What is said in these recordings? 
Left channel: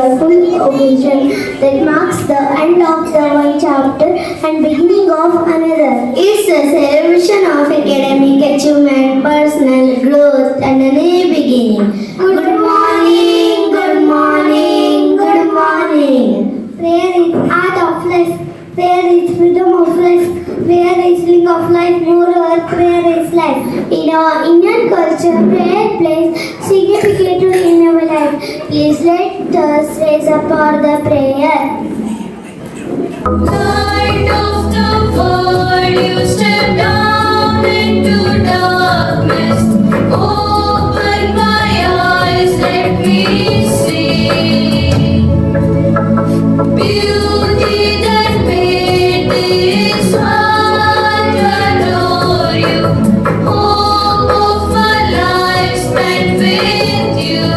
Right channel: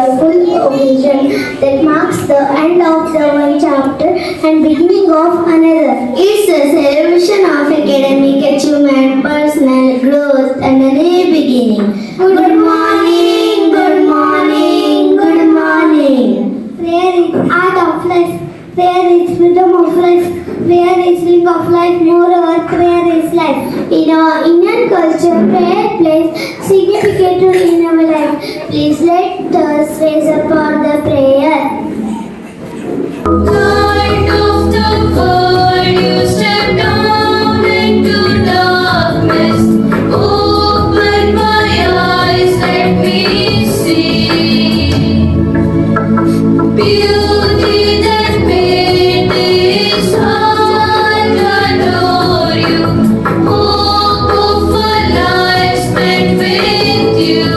joyful occasion that marks the end of the one chapter and beginning of another. It's a celebration of academic achievement, personal growth, and a new beginning. Good morning, good morning, good morning. Prayer is art of life. Prayer is freedom of life. Prayer is link of life. Moreover, prayer is life. In our Indian culture, prayer plays significant role in our life. Please let us raise up for the prayer. Light of the world, you step down into darkness. Open my eyes, let me see beauty that made this heart adore you. Hope of a life spent with you.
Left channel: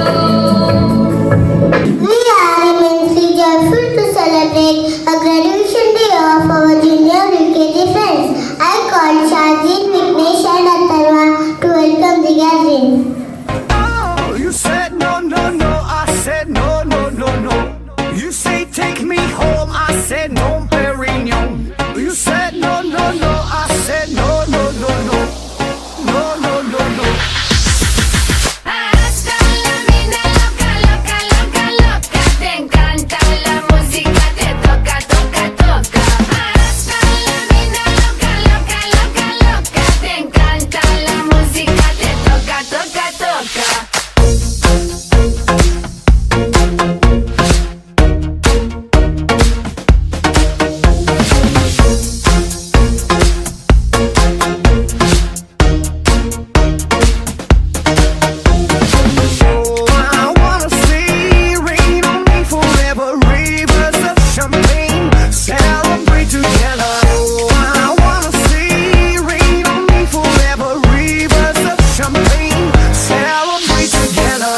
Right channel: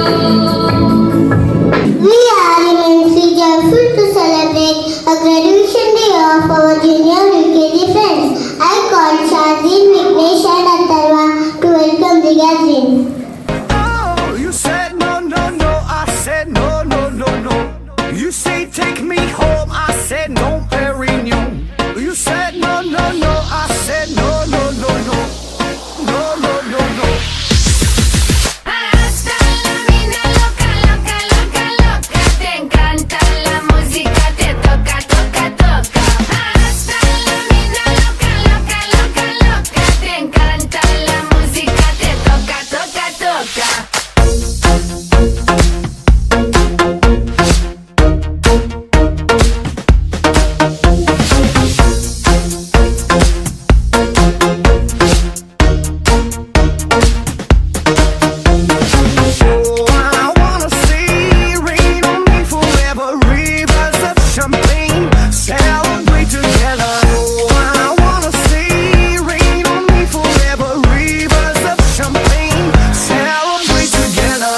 We are immensely joyful to celebrate a graduation day of our junior UKG friends. I called Shazin, Vignesh and Atharva to welcome the gathering. Oh, you said no, no, no. I said no, no, no, no. You say take me home. I said no, Perignon. You said no, no, no. I said no, no, no, no. No, no, no, no. Hasta la vida loca, loca, loca, loca. Te encanta la música, te toca, toca, toca. Hasta la vida loca, loca, loca, loca. Te encanta la música, te toca, toca, toca. Oh, I wanna see rain on me forever. Rivers of champagne, celebrate together. Oh, I wanna see rain on me forever. Rivers of champagne, celebrate together.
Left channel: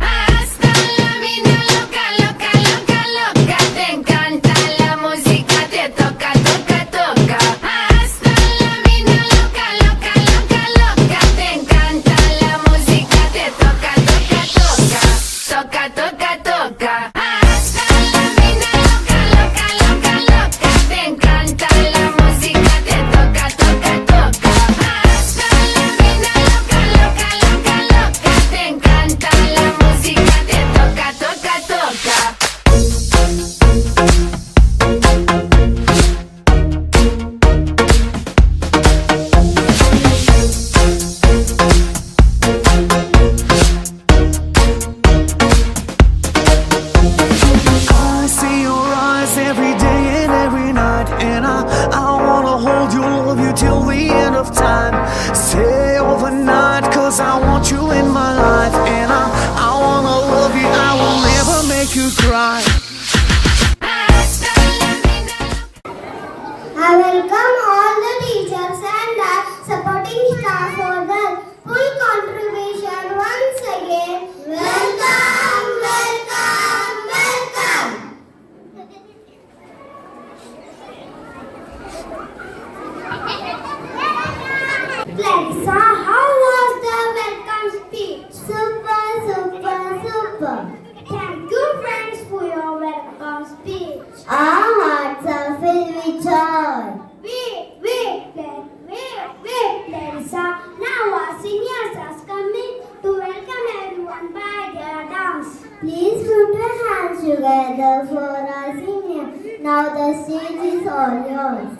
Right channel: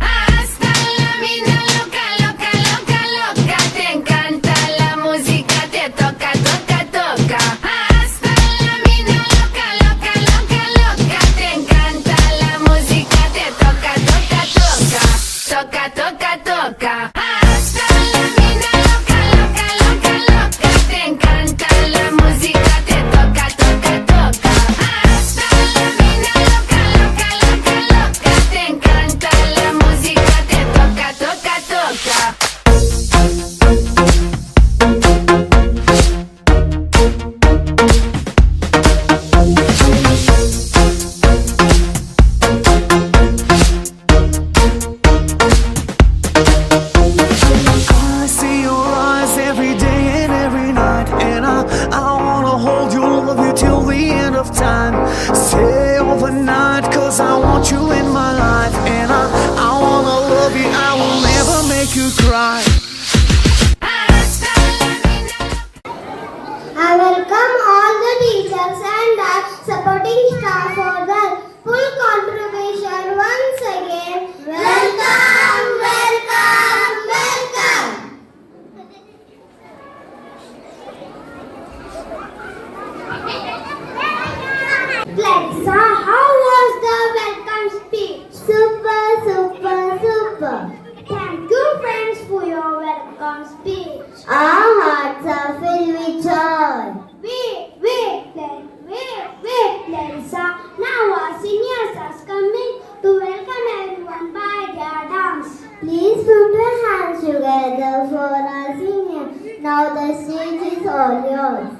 Hasta la vida loca, loca, loca, loca. Te encanta la música, te toca, toca, toca. Hasta la vida loca, loca, loca, loca. Te encanta la música, te toca, toca, toca. Toca, toca, toca. Hasta la vida loca, loca, loca, loca. Te encanta la música, te toca, toca, toca. Hasta la vida loca, loca, loca, loca. Te encanta la música, te toca, toca, toca. I see your eyes every day and every night, and I wanna hold you, love you till the end of time. Stay overnight, cause I want you in my life, and I wanna love you, I will never make you cry. Hasta la vida loca. I welcome all the teachers and the supporting staff for their full contribution once again. Welcome, welcome, welcome. Lexa, how was the welcome speech? Super, super, super. Thank you, friends, for your welcome speech. Our hearts are filled with joy. Wait, Lexa. Now our seniors are coming to welcome everyone by their dance. Please put your hands together for our seniors. Now the stage is all yours.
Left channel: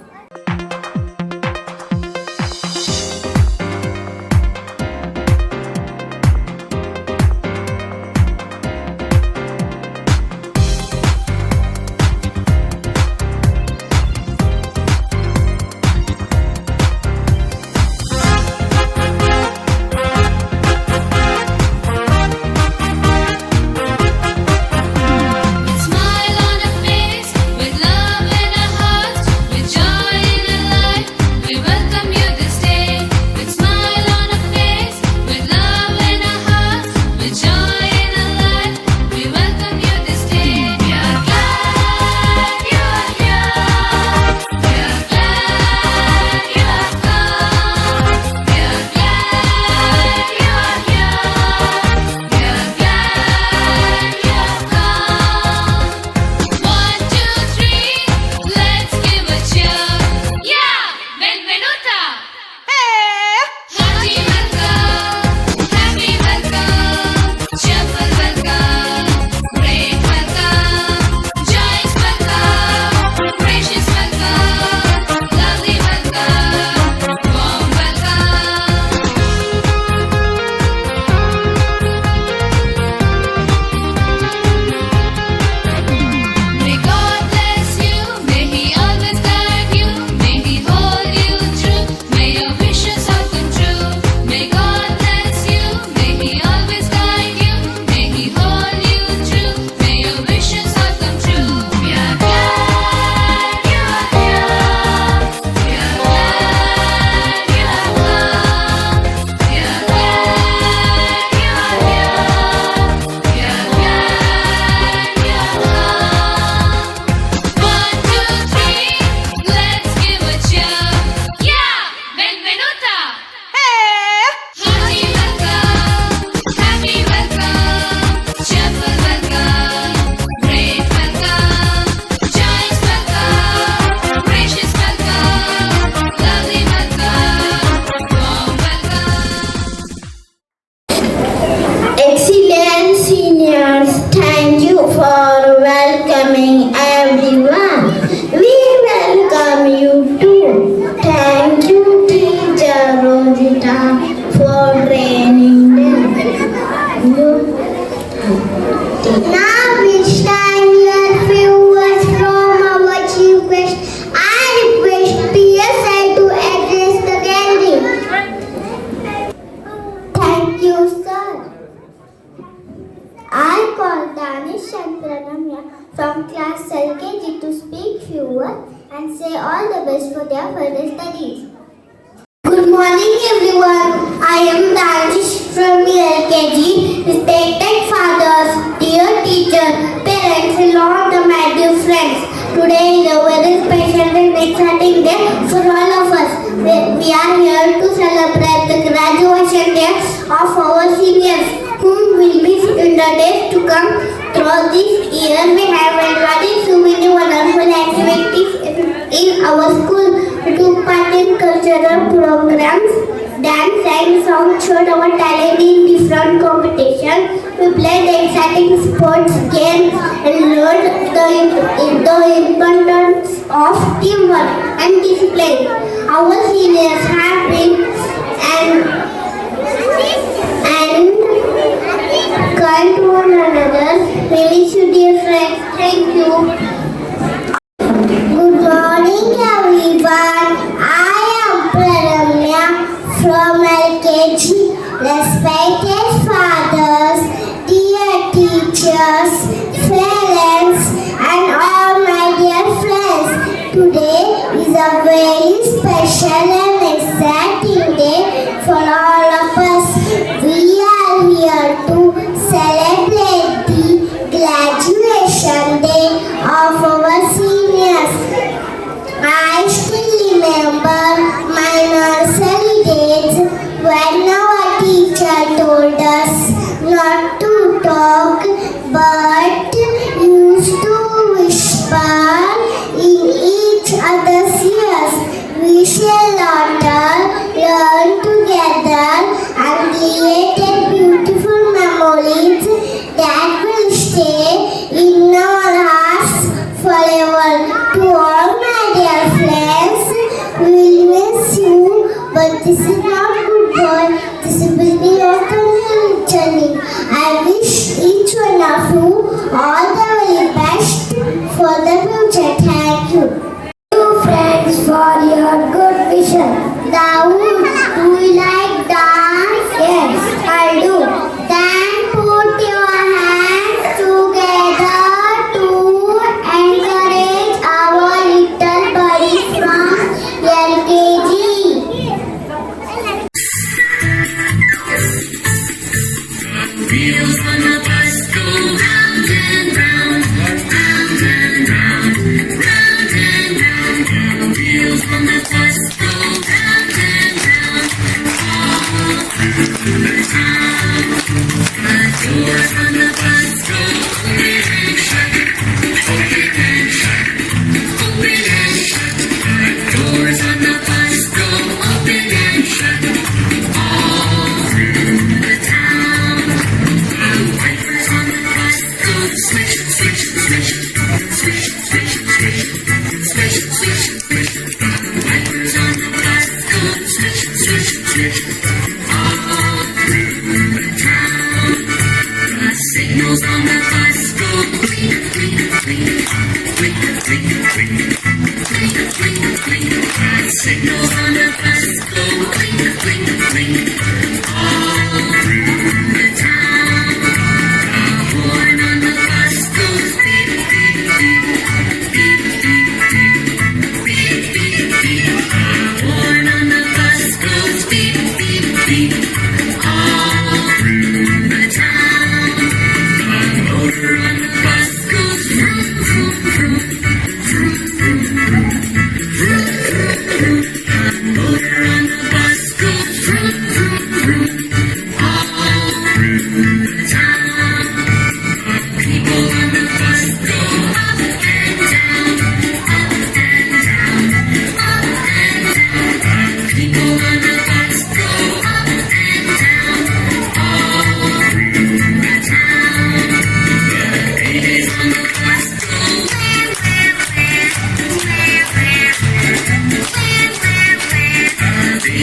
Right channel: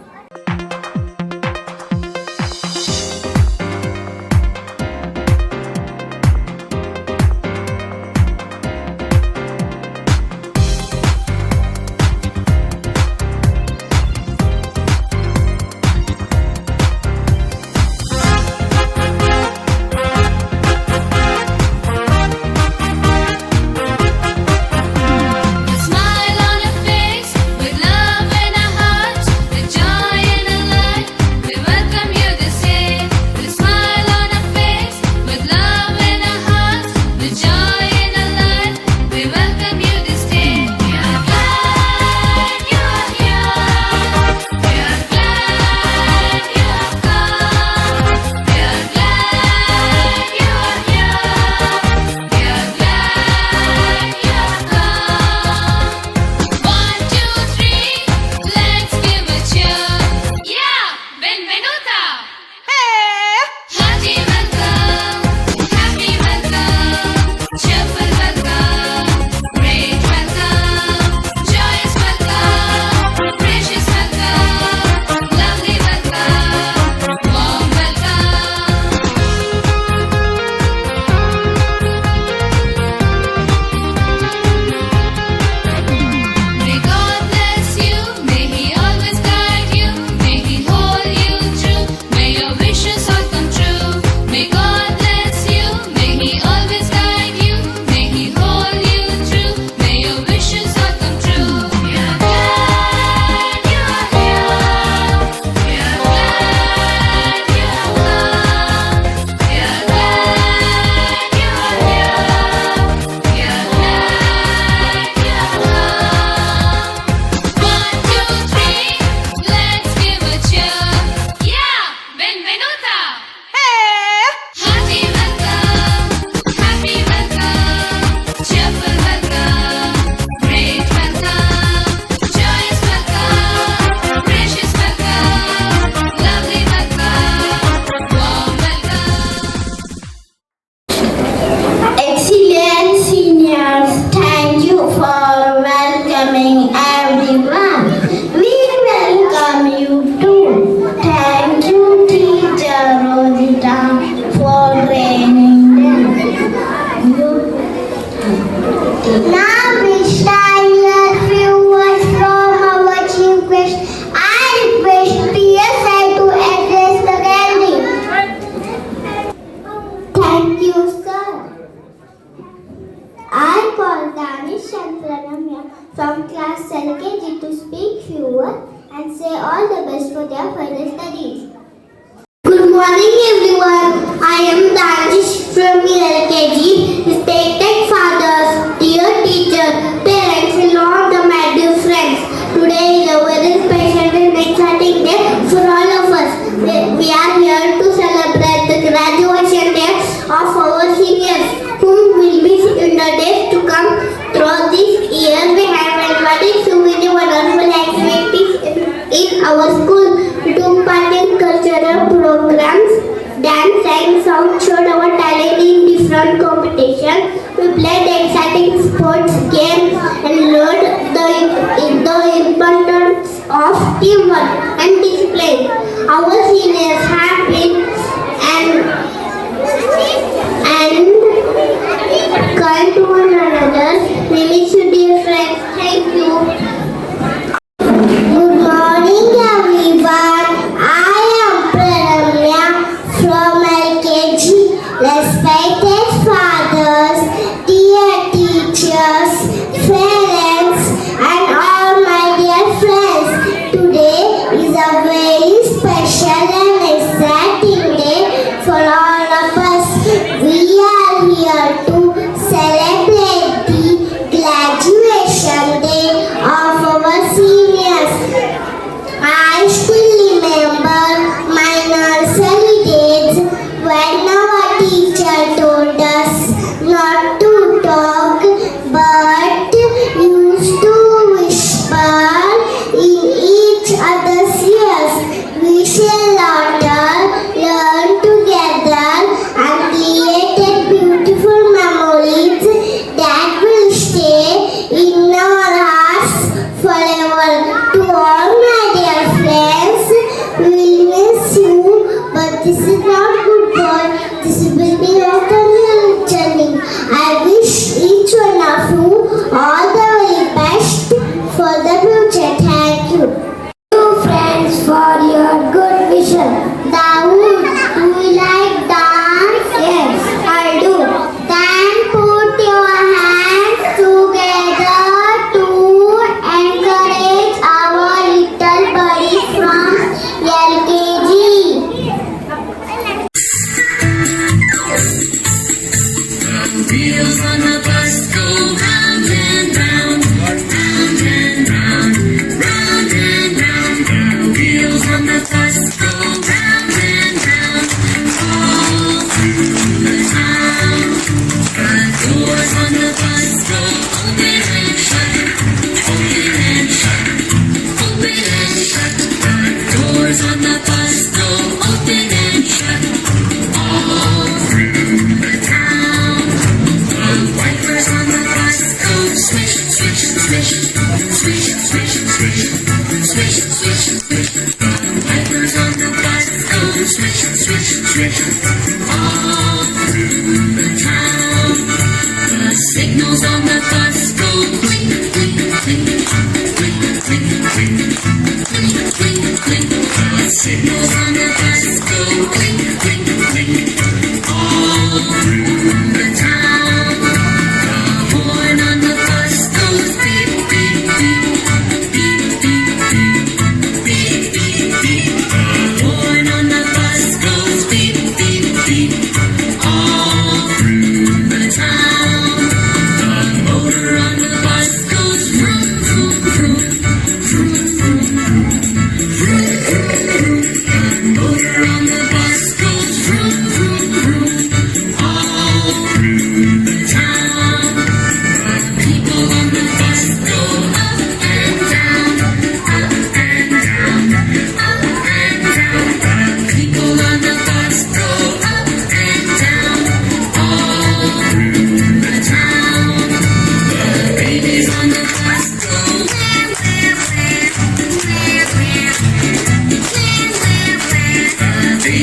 for their further studies. Good morning everyone. I am Danish from LKG. Respected fathers, dear teachers, parents, and all the my dear friends. Today is a very special and exciting day for all of us. We are here to celebrate the graduation day of our seniors, whom will be in the days to come. Throughout this year, we have invited so many wonderful activities in our school. We took part in cultural programs, dance, sang, songs, showed our talent in different competitions. We played exciting sports games and learned the importance of teamwork and discipline. Our seniors have been and kind to one another. We miss you, dear friends. Thank you. Good morning, everyone. I am Pranamya from LKG. Respected fathers, dear teachers, parents, and all my dear friends. Today is a very special and exciting day for all of us. We are here to celebrate the graduation day of our seniors. I still remember my nursery days when our teacher told us not to talk but used to whisper in each other's ears. We shall learn together and created beautiful memories that will stay in our hearts forever. To all my dear friends, we will miss you, but this is not goodbye. This is the beginning of a new journey. I wish each one of you all the very best for the future. Thank you. Friends, for your good vision. Dawood, do you like dance? Yes, I do. Then put your hands together to encourage our little buddy from LKG. Wheels on the bus go round and round, round and round, round and round. Wheels on the bus go round and round, all through the town. The doors on the bus go open and shut, open and shut, open and shut. The doors on the bus go open and shut, all through the town. Wipers on the bus go swish, swish, swish, swish, swish, swish, swish, swish, swish. Wipers on the bus go swish, swish, swish, all through the town. The signals on the bus go clink, clink, clink, clink, clink, clink, clink, clink, clink. The signals on the bus go clink, clink, clink, all through the town. Horn on the bus goes beep, beep, beep, beep, beep, beep, beep, beep, beep. Horn on the bus goes beep, beep, beep, all through the town. The motor on the bus goes vroom, vroom, vroom, vroom, vroom, vroom, vroom, vroom. The motor on the bus goes vroom, vroom, vroom, all through the town. People on the bus go up and down, up and down, up and down. People on the bus go up and down, all through the town. The babies on the bus go where, where, where, where, where, where, where, where. The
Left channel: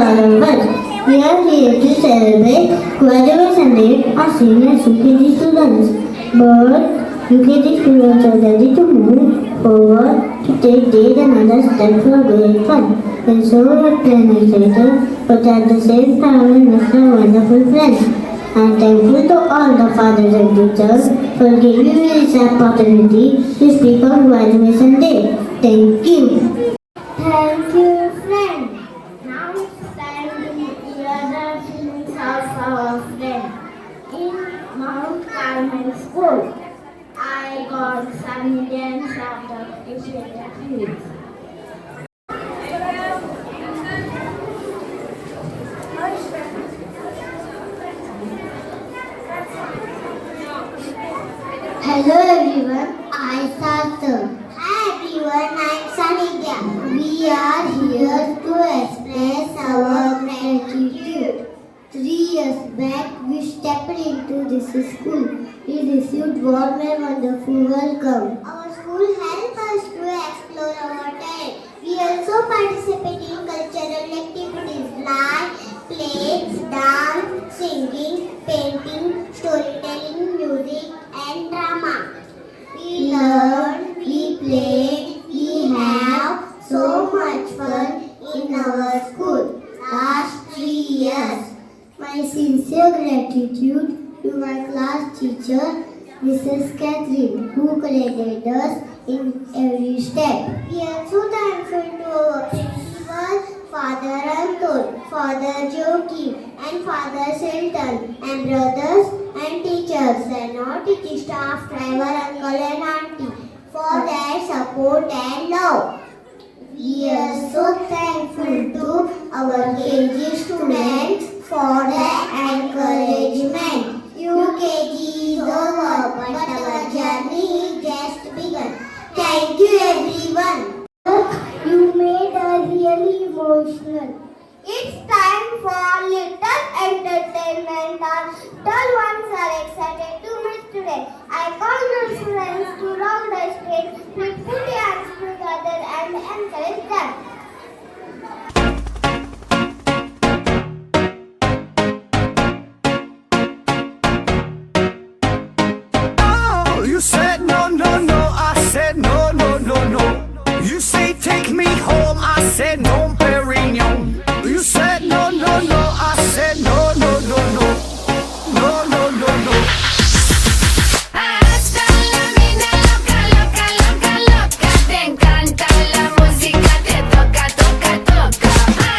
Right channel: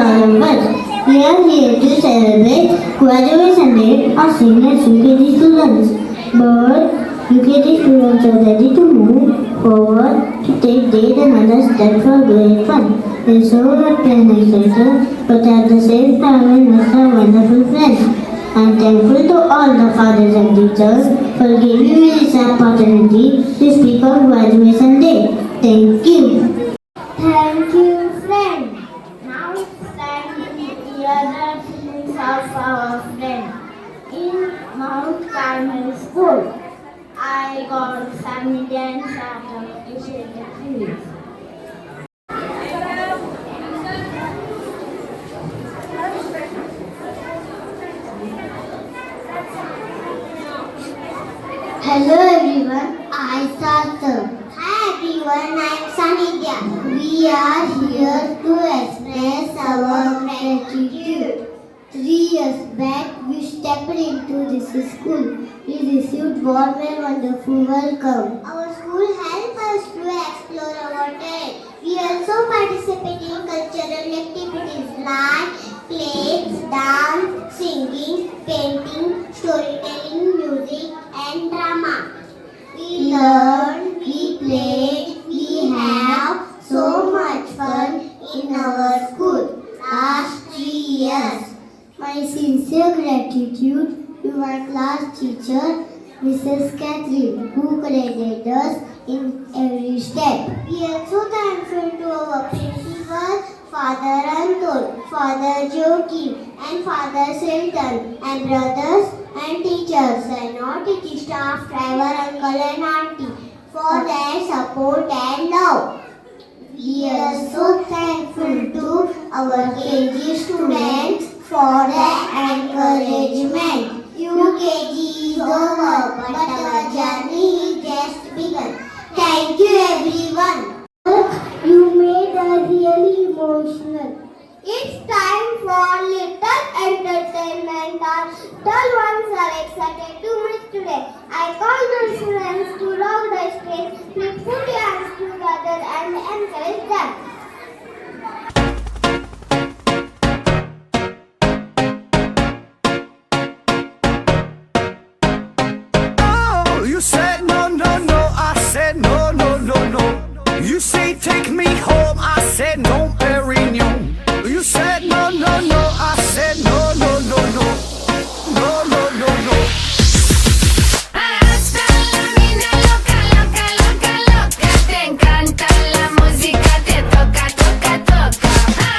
all of us. We are here to celebrate graduation day of senior UKG students. But UKG students are ready to move forward to take yet another step for grade 1. They so happy and excited, but at the same time we must have wonderful friends. I am thankful to all the fathers and teachers for giving me this opportunity to speak on graduation day. Thank you. Thank you, friend. Now it's time to hear the feelings of our friend. In Mount Carmel School, I got some Indian sort of issues. Hello everyone, I Sarthak. Hi everyone, I am Sanidya. We are here to express our gratitude. 3 years back, we stepped into this school. We received warm and wonderful welcome. Our school helped us to explore our talent. We also participate in cultural activities like plays, dance, singing, painting, storytelling, music, and drama. We learned, we played, we have so much fun in our school last 3 years. My sincere gratitude to my class teacher, Mrs. Catherine, who guided us in every step. We are so thankful to our principal, Father Anton, Father Joki, and Father Sultan, and brothers and teachers, and all teaching staff, driver, uncle, and auntie for their support and love. We are so thankful to our KG students for their encouragement. UKG is over, but our journey is just begun. Thank you, everyone. You made us really emotional. It's time for little entertainment. All ones are excited to meet today. I call the students to love the stage, put your hands together and encourage them. Oh, you said no, no, no. I said no, no, no, no. You say take me home. I said no, Perignon. You said no, no, no. I said no, no, no, no. No, no, no, no. Hasta la vida loca, loca, loca, loca. Te encanta la música, te toca, toca, toca.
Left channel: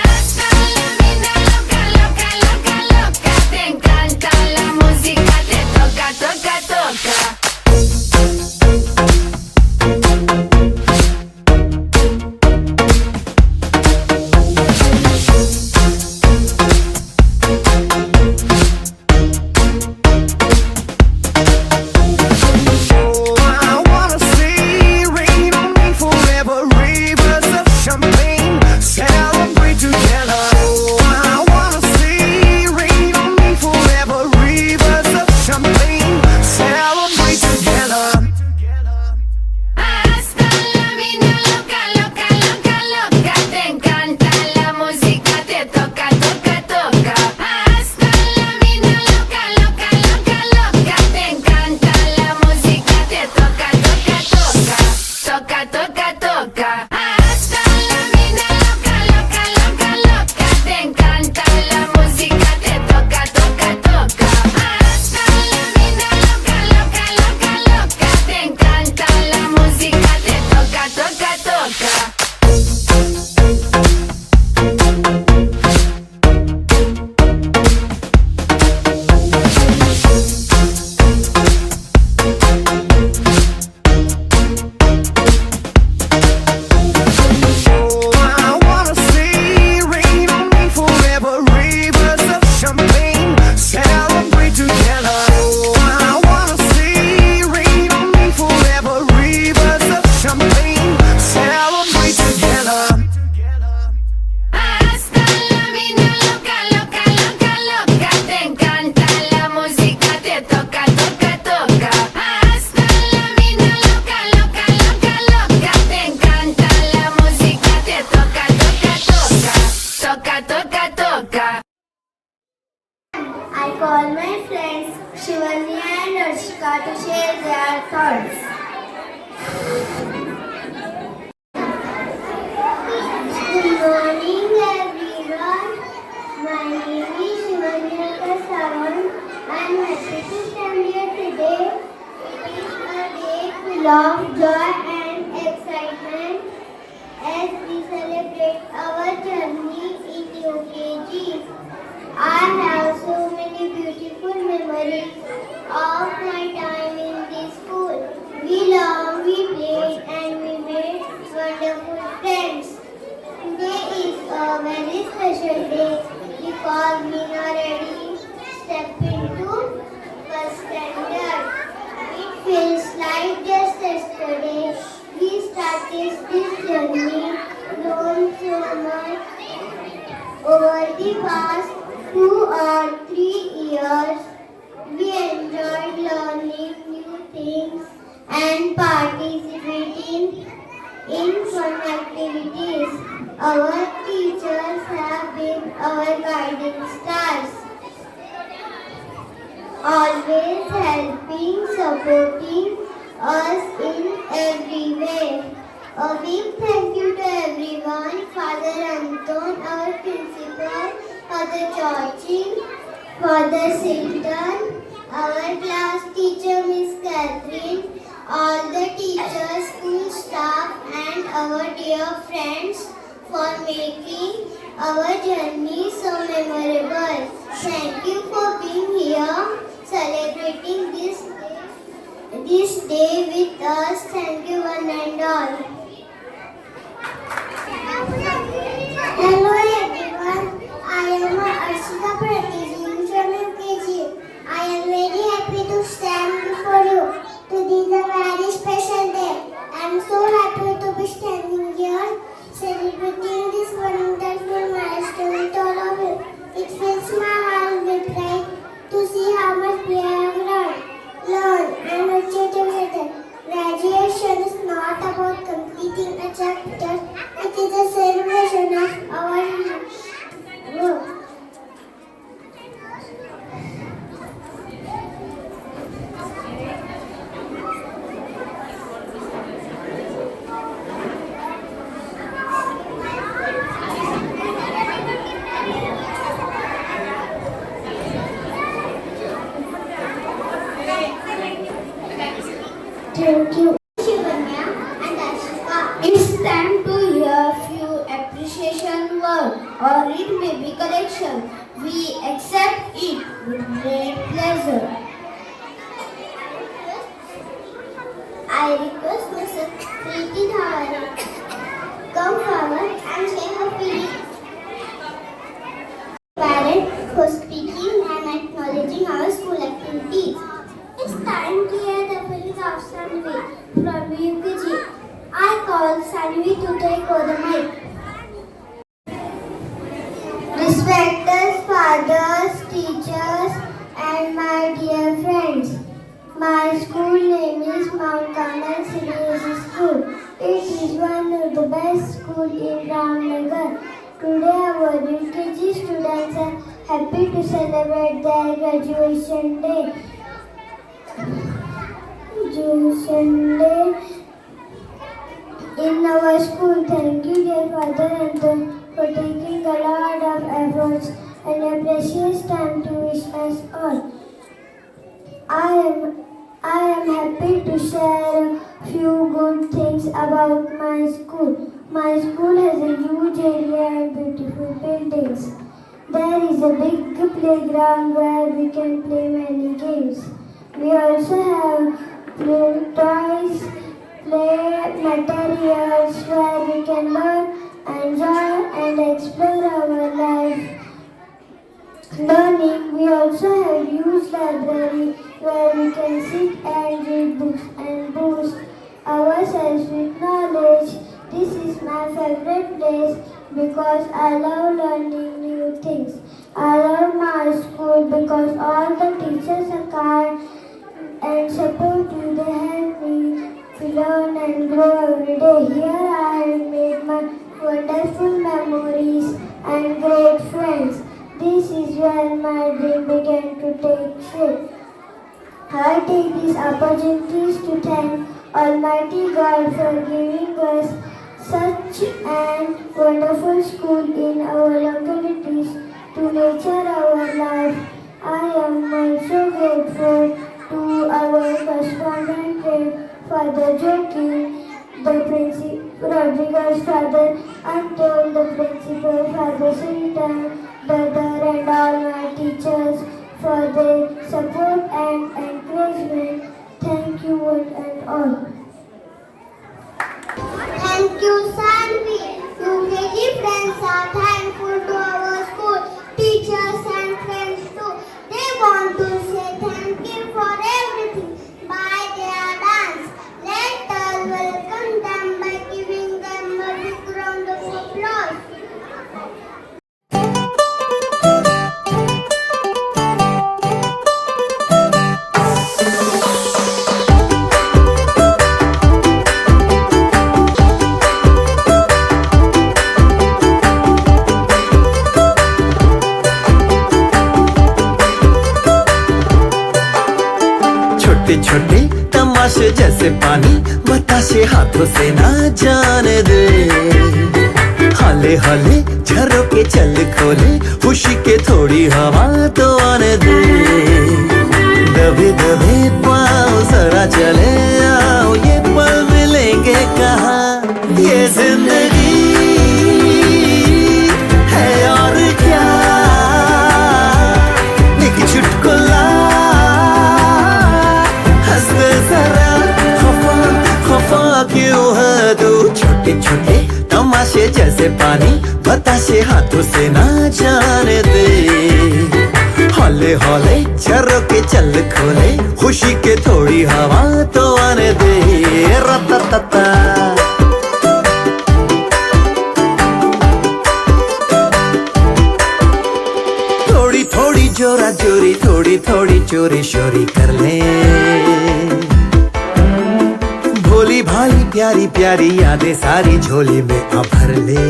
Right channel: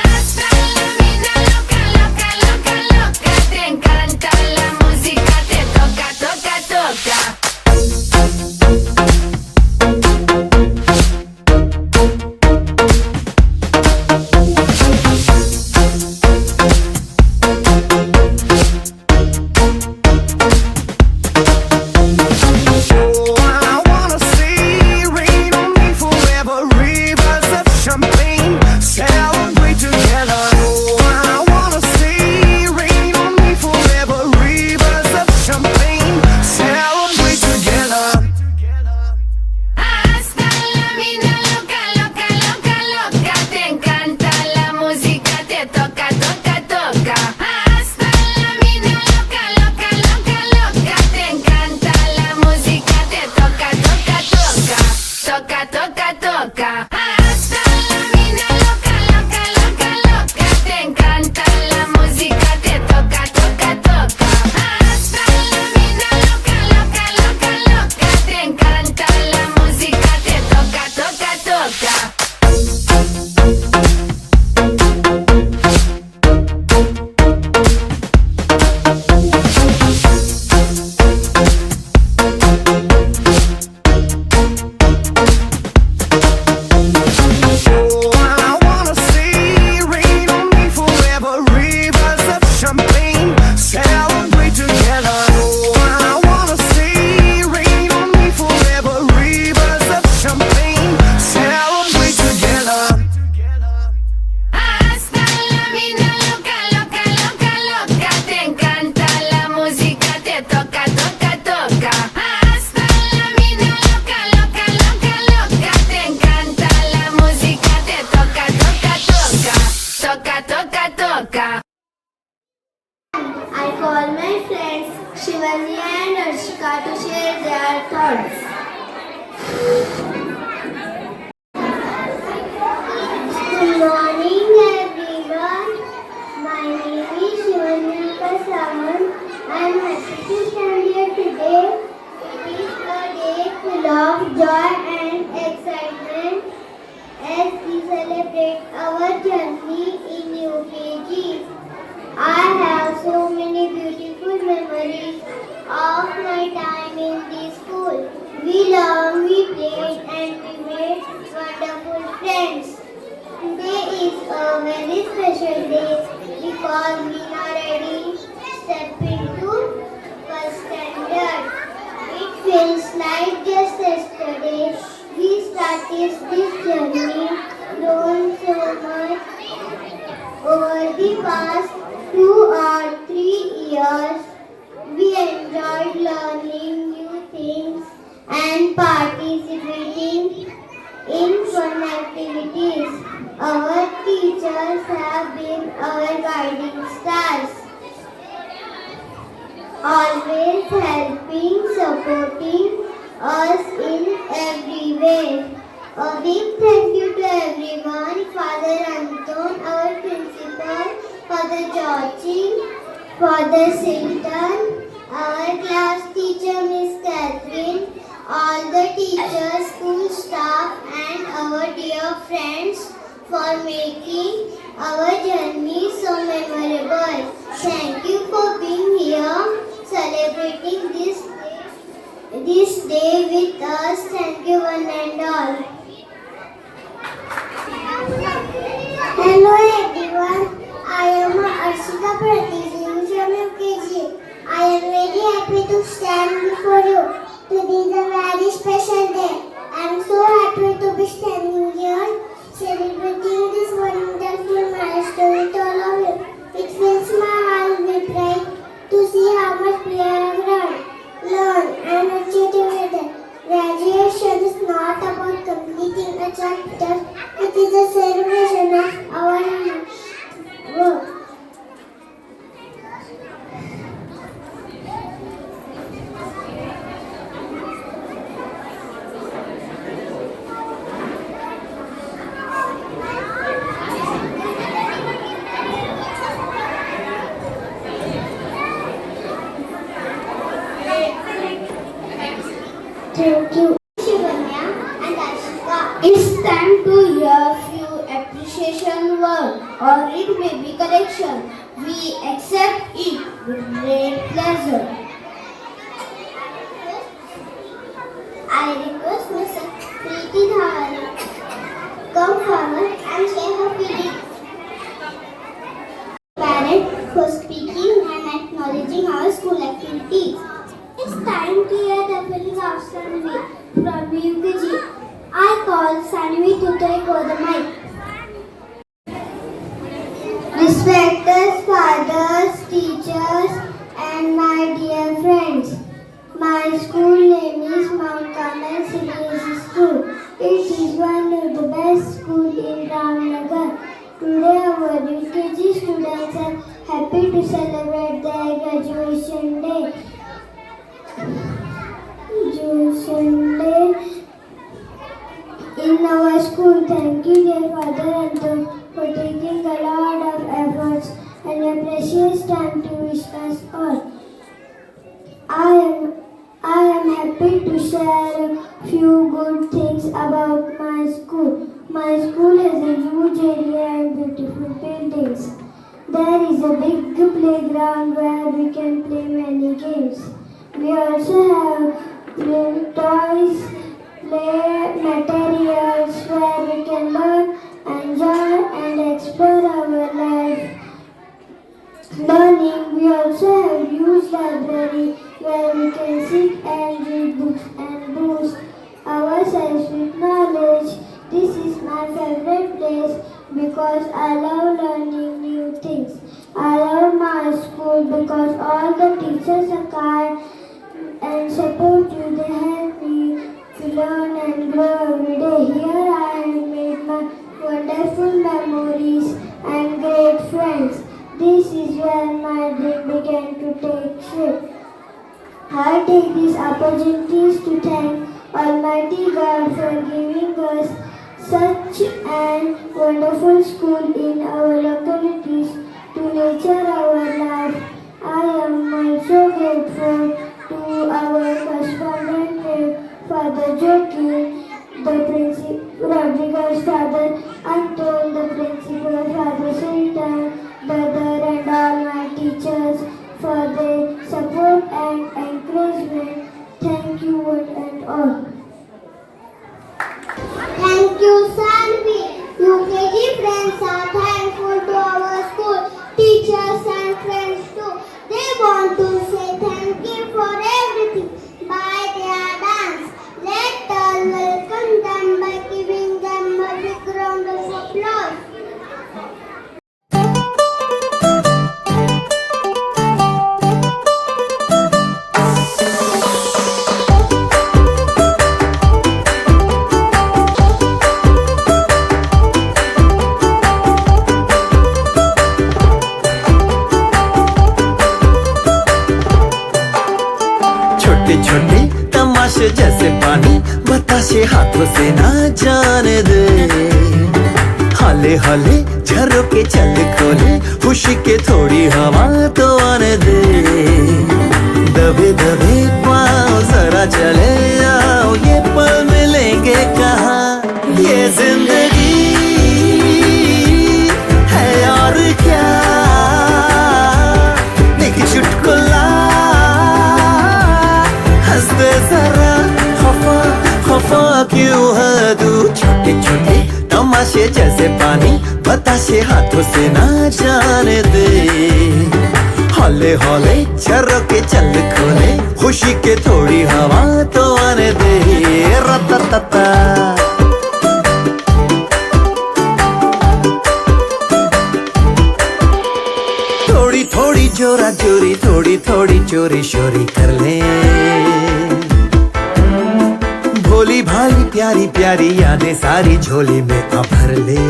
Hasta la vida loca, loca, loca, loca. Te encanta la música, te toca, toca, toca. Ashika to share their thoughts. Good morning everyone. My name is Shivanika Sawan. I am happy to stand here today. It is a day full of joy and excitement as we celebrate our journey in UKG. I have so many beautiful memories of my time in this school. We loved, we played and we made wonderful friends. Today is a very special day because we are ready to step into first standard. It feels like just yesterday we started this journey, grown so much over the past 2 or 3 years. We enjoyed learning new things and participating in fun activities. Our teachers have been our guiding stars, always helping, supporting us in every way. A big thank you to everyone, Father Anton, our principal, Father Georgie, Father Silton, our class teacher Miss Catherine, all the teachers, school staff and our dear friends for making our journey so memorable. Thank you for being here, celebrating this day with us. Thank you one and all. Hello everyone, I am Ashika Prateek from UKG. I am very happy to stand before you. Today is a very special day. I am so happy to be standing here, celebrating this wonderful milestone with all of you. It fills my heart with pride to see how much we have learned and achieved together. Graduation is not about completing a chapter, it is a celebration of our work. Thank you, Shivanya and Ashika. It's time to hear few appreciation words, or it may be correction. We accept it with great pleasure. I request Mr. Preeti Dhara come forward and share her feelings. Parent for speaking and acknowledging our school activities. It's time to hear the feelings of Sanvi from UKG. I call Sanvi to take over the mic. Respected fathers, teachers, and my dear friends. My school name is Mount Carmel CBSE School. It is one of the best schools in Ramnagar. Today our UKG students are happy to celebrate their graduation day. In our school. Thank you, dear Father Anton, for taking a lot of efforts and your precious time to wish us all. I am happy to share a few good things about my school. My school has a huge area and beautiful buildings. There is a big playground where we can play many games. We also have toys, play materials where we can learn, enjoy and explore our life. Learning, we also have huge library where we can sit and read books and boost ourselves with knowledge. This is my favorite place because I love learning new things. I love my school because all the teachers are kind and support you. They help me to learn and grow every day. Here I have made my wonderful memories and great friends. This is where my dream began to take shape. I take these opportunities to thank Almighty God for giving us such an wonderful school in our localities to nurture our life. I am also grateful to our correspondent Father Jyoti, Rodriguez's father, Anton, the principal, Father Sultan, brother and all my teachers for their support and encouragement. Thank you one and all. Thank you, Sanvi. UKG friends are thankful to our school, teachers and friends too. They want to say thank you for everything by their dance. Let us welcome them by giving them a big round of applause. छोटे छोटे तमाशे जैसे पानी बताशे हाथों से ना जाने दे। हाले हाले झरोके चल खोले खुशी के थोड़ी हवा तो आने दे। दबे दबे पाँव जरा चले आओ ये पल मिलेंगे कहाँ। ये जिंदगी है और क्या एक चुटकुला हंसते जरा खफा खफा क्यों है तू। छोटे छोटे तमाशे जैसे पानी बताशे हाथों से ना जाने दे। हौले हौले झरोके चल खोले खुशी के थोड़ी हवा तो आने दे। रततता थोड़ी थोड़ी जोरा जोरी थोड़ी थोड़ी चोरी शोरी कर ले। भोली भाली प्यारी प्यारी यादें सारी झोली में आ भर ले।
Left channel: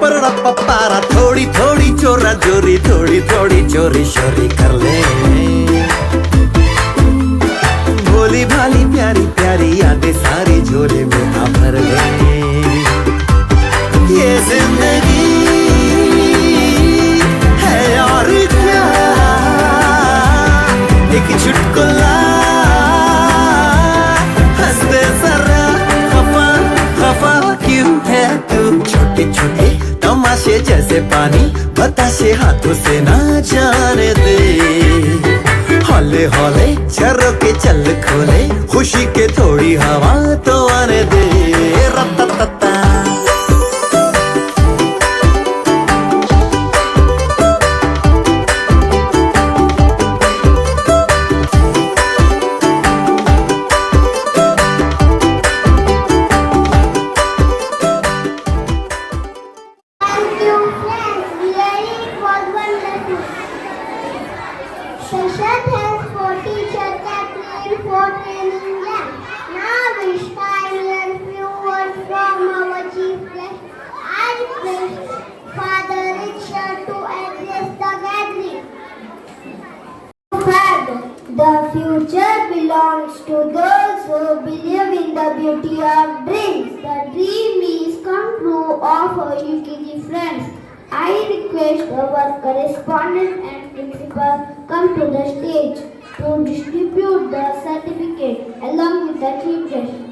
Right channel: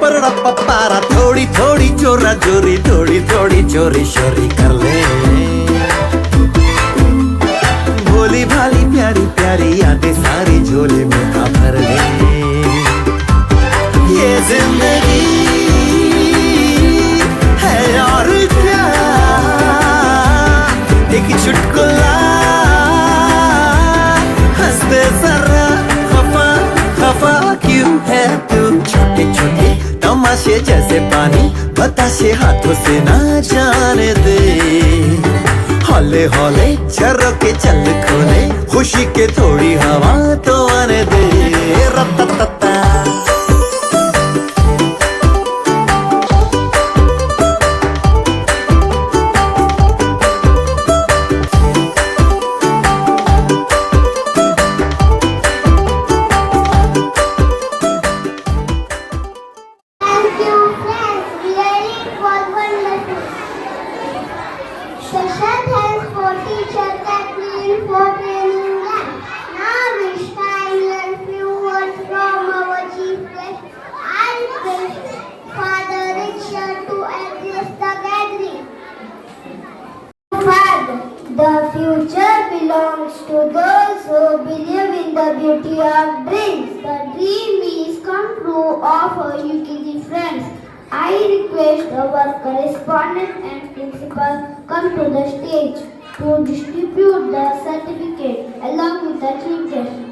परड़ा पपारा थोड़ी थोड़ी जोरा जोरी थोड़ी थोड़ी चोरी शोरी कर ले। भोली भाली प्यारी प्यारी यादें सारी झोली में आ भर ले। ये जिंदगी है और क्या एक चुटकुला हंसते जरा खफा खफा क्यों है तू। छोटे छोटे तमाशे जैसे पानी बताशे हाथों से ना जाने दे। हौले हौले झरोके चल खोले खुशी के थोड़ी हवा तो आने दे। रततता Special thanks for teachers that came for training them. Now it's time to learn few words from our chief guest. I request Father Richard to address the gathering. Father, the future belongs to those who believe in the beauty of dreams. The dream is come true of our UKG friends. I request our correspondent and principal come to the stage to distribute the certificate along with the chief guest.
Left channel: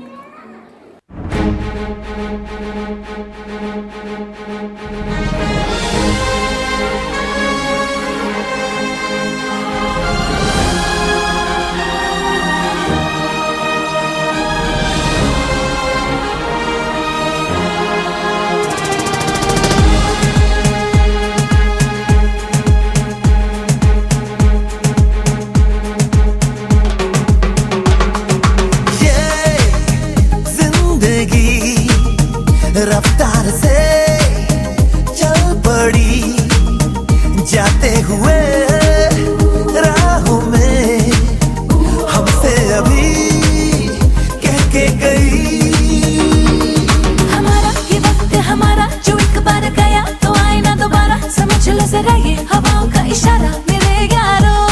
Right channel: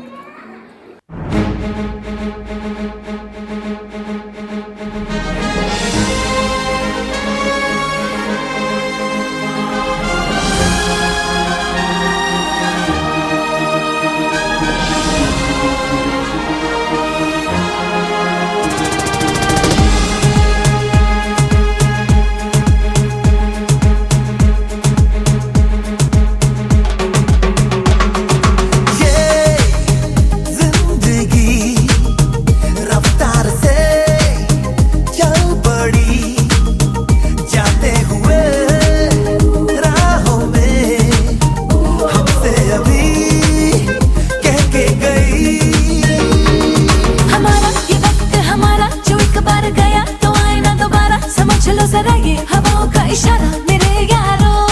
जरा ये हवाओं का इशारा मेरे यारों।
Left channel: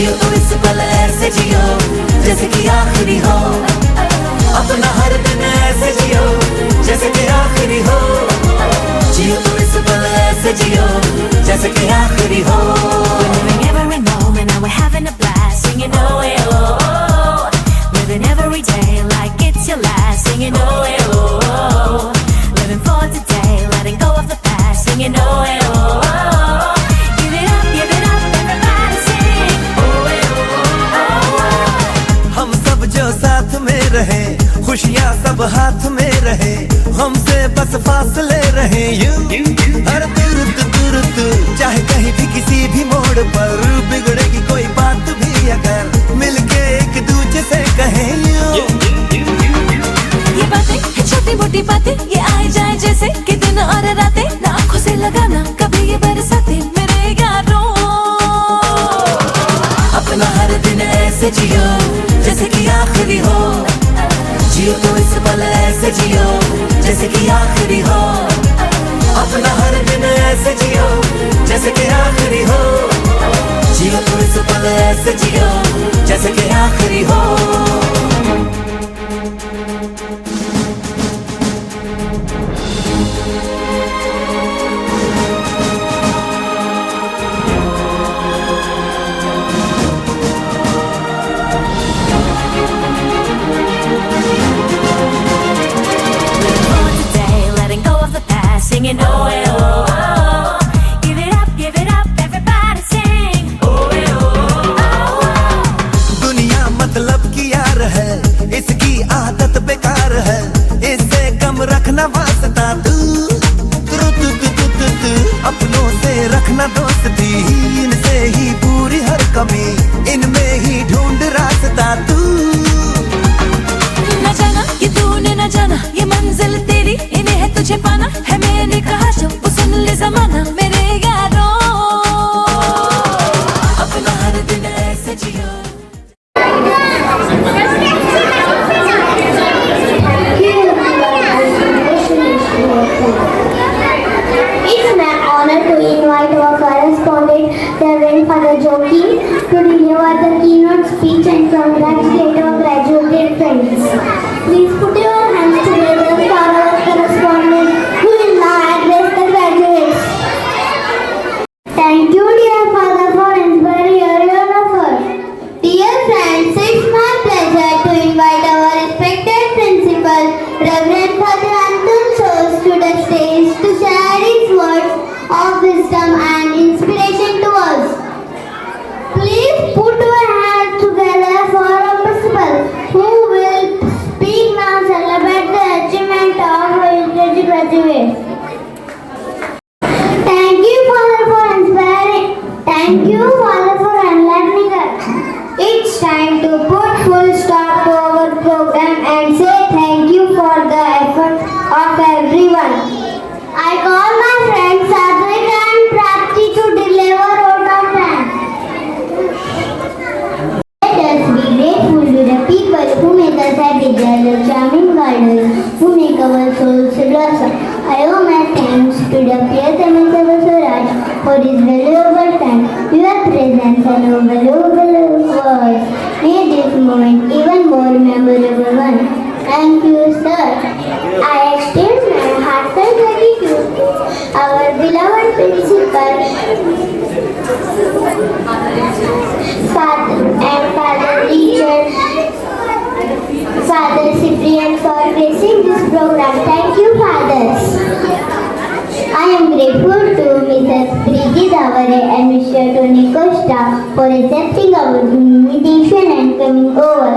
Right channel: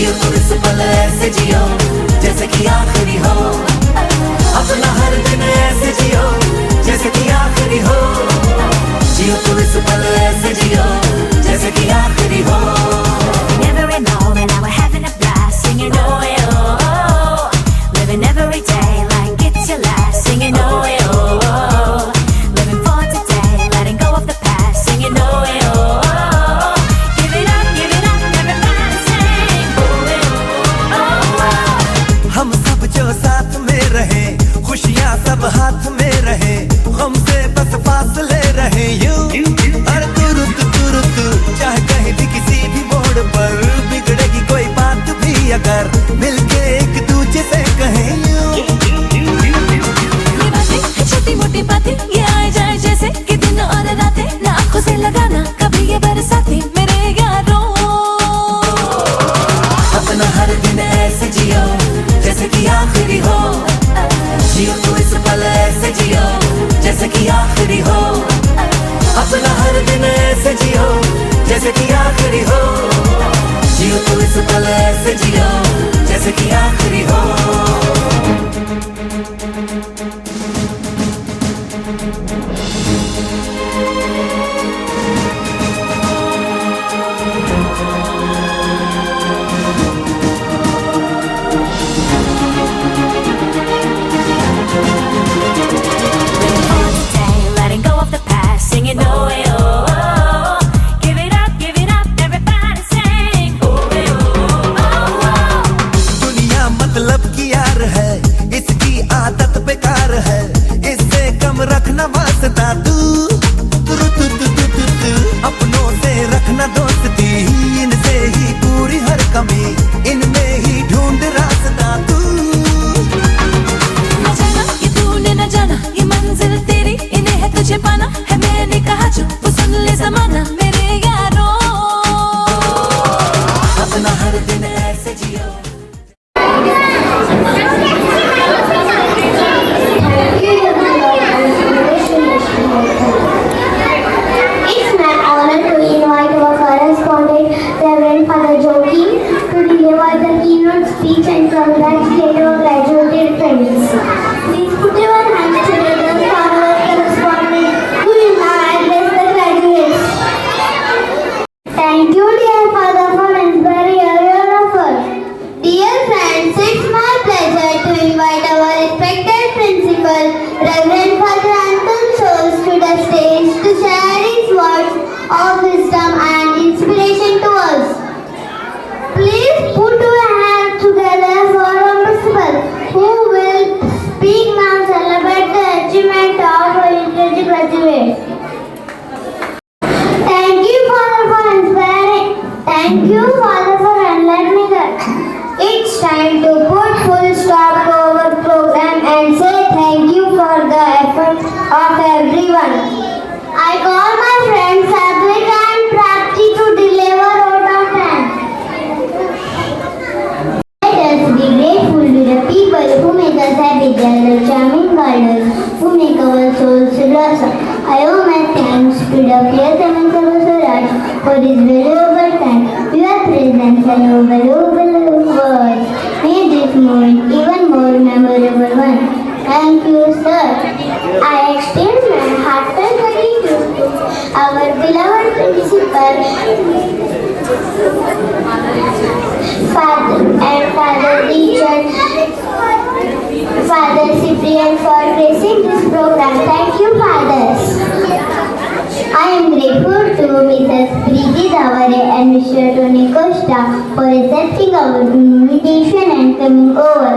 जियो तो इस पल ऐसे जियो जैसे कि आखिरी हो, अपना हर दिन ऐसे जियो जैसे कि आखिरी हो, जियो तो इस पल ऐसे जियो जैसे कि आखिरी हो। Every moment now we're having a blast, singing oh eh, oh oh. Living every day like it's your last, singing oh eh, oh oh. Living for today, letting go of the past, singing oh eh, oh oh. Give it up, everybody sing oh eh, oh oh. हम सब जो साथ में रहे, खुशियाँ सब हाथ में रहे, हमसे बस फासले रहे यूं हर तुरुत चाहे कहीं भी किसी भी मोड़ पर बिगड़ेगी कोई बात भी अगर मिलके एक दूजे से कहें यूं। ये बातें है छोटी मोटी बातें, ये आए जाए जैसे कि दिन और रातें, ना आँखों से लगाना कभी ये बरसाते मेरे यारों। अपना हर दिन ऐसे जियो जैसे कि आखिरी हो, जियो तो इस पल ऐसे जियो जैसे कि आखिरी हो, अपना हर दिन ऐसे जियो जैसे कि आखिरी हो, जियो तो इस पल ऐसे जियो जैसे कि आखिरी हो। Living for today, letting go of the past, singing oh eh, oh oh. Give it up, everybody sing oh eh, oh oh. दुनिया मतलब की यार है, इसकी आदत बेकार है, इससे कम रखना वास्ता तू अपनों से रखना दोस्ती, इनसे ही पूरी हर कमी, इनमें ही ढूंढ रास्ता तू। न जाना ये तूने न जाना, ये मंजिल तेरी इन्हें है तुझे पाना, है मैंने कहा जो वो सुन ले जमाना मेरे यारों। अपना हर दिन ऐसे जियो। It's my honor to invite our correspondent, Reverend Father Joaquin, to deliver the keynote speech and congratulate our graduated friends. Please put your hands together for our correspondent who will now address the graduates. Thank you, dear Father, for inspiring every one of us. Dear friends, it's my pleasure to invite our respected principal, Reverend Father Anton Scholes, to the stage to share his words of wisdom and inspiration to us. Please put your hands together for our principal, who will speak now, celebrate the achievement of our university graduates. Thank you, Father, for inspiring. Thank you, Father, for enlightening us. It's time to put full stop to our program and say thank you for the effort of everyone. I call my friends Advait and Prapti to deliver out on time. Let us be grateful to the people who make us happy, their charming guidance, who make our souls blossom. I owe my thanks to the Priyatama Suraj for his valuable time, your presence and your valuable words made this moment even more memorable one. Thank you, sir. I extend my heartfelt gratitude to our beloved principal, Father and Father teacher, Father Cyprian, for gracing this program. Thank you, fathers. I am grateful to Mrs. Preeti Davare and Mr. Tony Costa for accepting our invitation and coming over.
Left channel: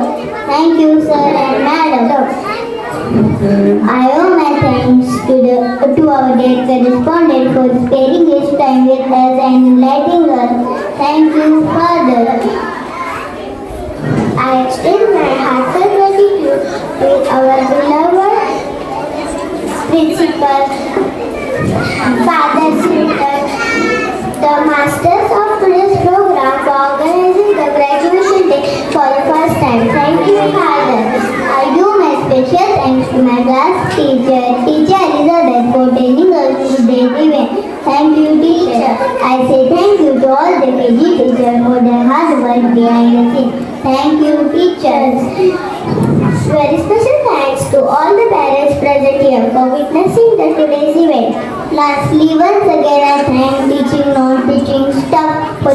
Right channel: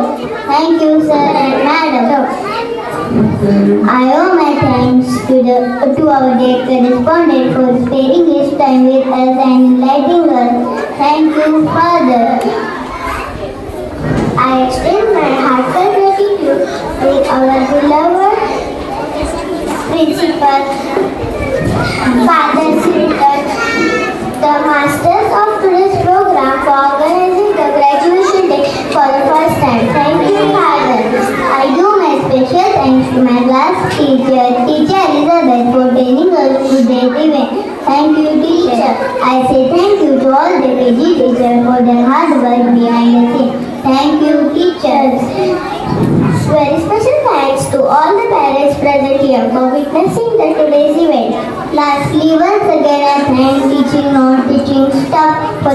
Thank you, sir and madam. I owe my thanks to our dear correspondent for sparing his time with us and enlightening us. Thank you, Father. I extend my heartfelt gratitude to our beloved principal, Father Siddhar, the masters of today's program, for organizing the graduation day for the first time. Thank you, Father. I do my special thanks to my class teacher,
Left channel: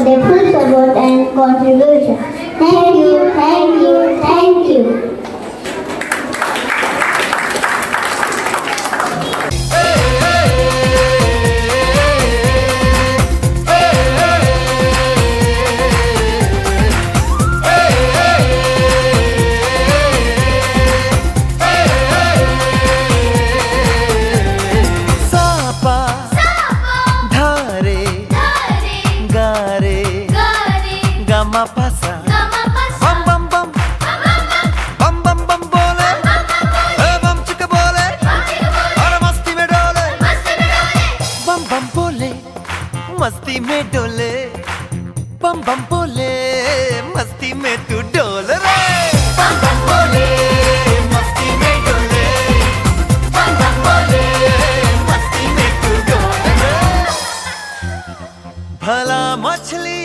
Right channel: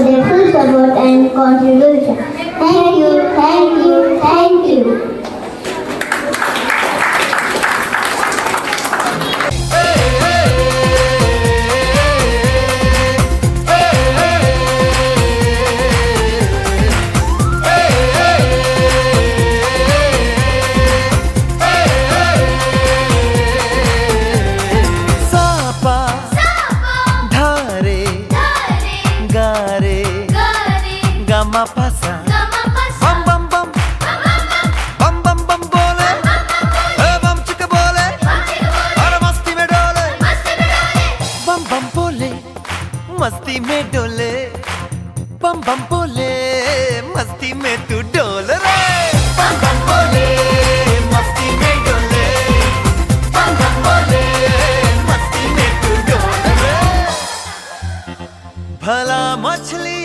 their full support and contribution. Thank you, thank you, thank you. Sapa धारे गारे gamma पासा बम बम बम बम बम बम बोले ए बम चिक बोले और मस्ती में डोले बम बम बोले मस्ती में डोले बम बम बोले मस्ती में तू डोल रे बम बम बोले मस्ती में डोले बम बम बोले मस्ती में तू डोल रे भला मछली